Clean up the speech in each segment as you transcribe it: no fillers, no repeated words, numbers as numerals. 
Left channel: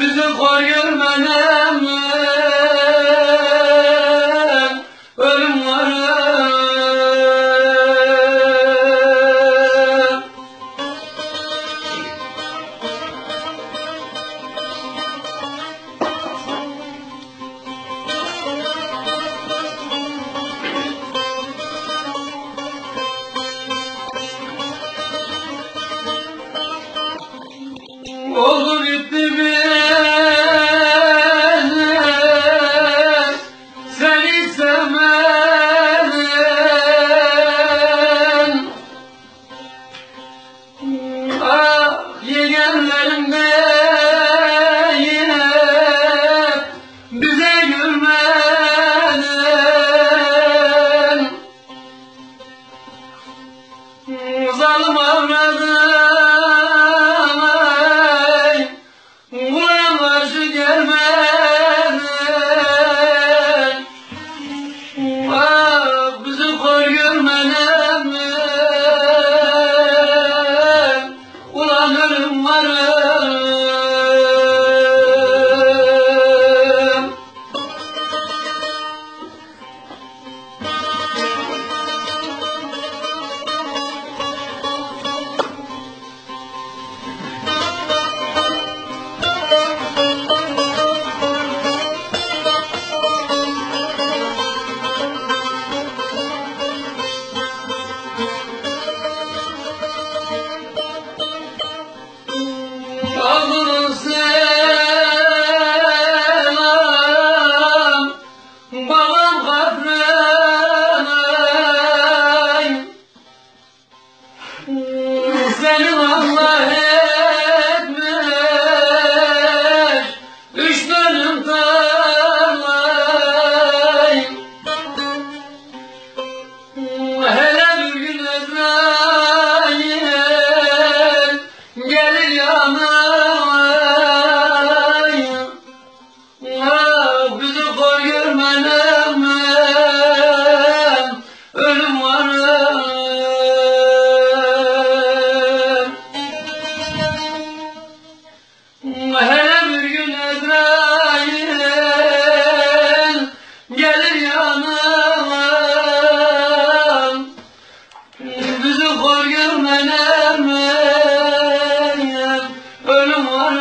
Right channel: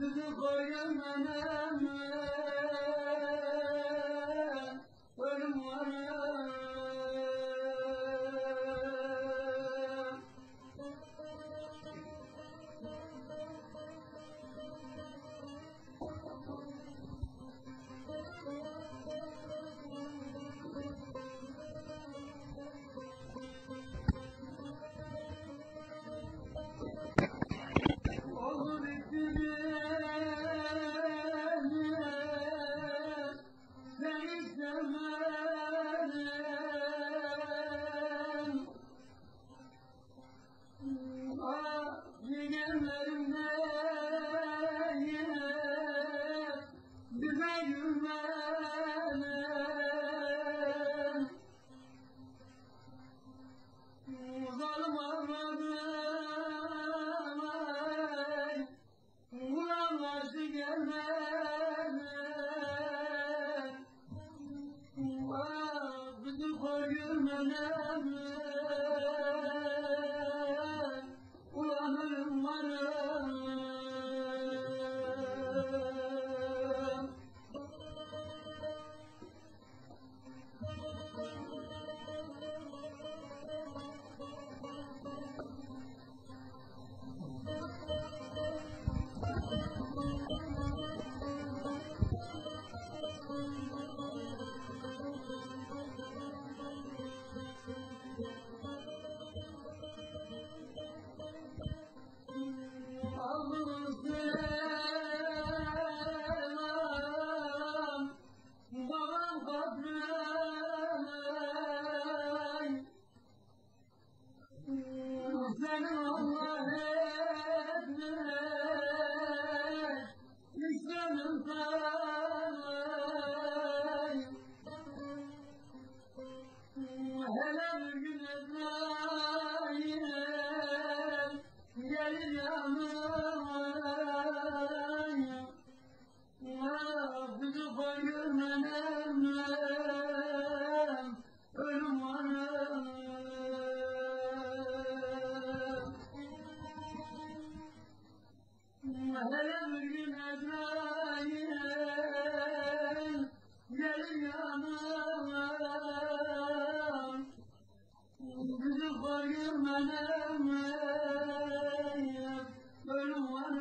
Bizi kor görmenem ölüm var. Oldu gitti seni sevmeden. Ah yeğenlerim de yine bize gülmeden. Zalim avradım karşı gelmeden. Ah bizi kor görmeden ulan ölüm varım. Alın selam babam kabrine, seni Allah etmiş 3 dönüm tarlayı. Hele bir gün Ezrail gelir yanıma. Bizi kor görmenem ölüm var. Hele bir gün Ezrail gelir yanıma. Bizi kor görmenem ölüm var.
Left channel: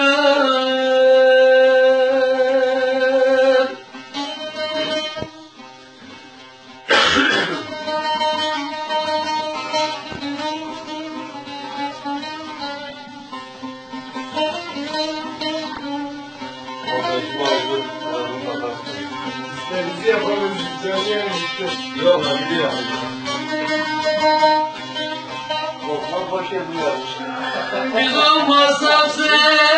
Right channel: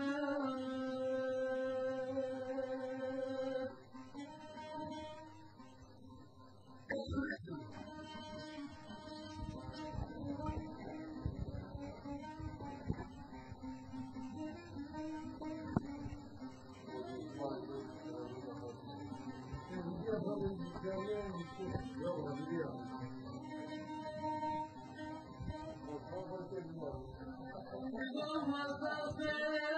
Bizi yapalım, söyleyelim işte. Yok lan biliyor. Korkmak boş yapıyor. Biz olmazsak sen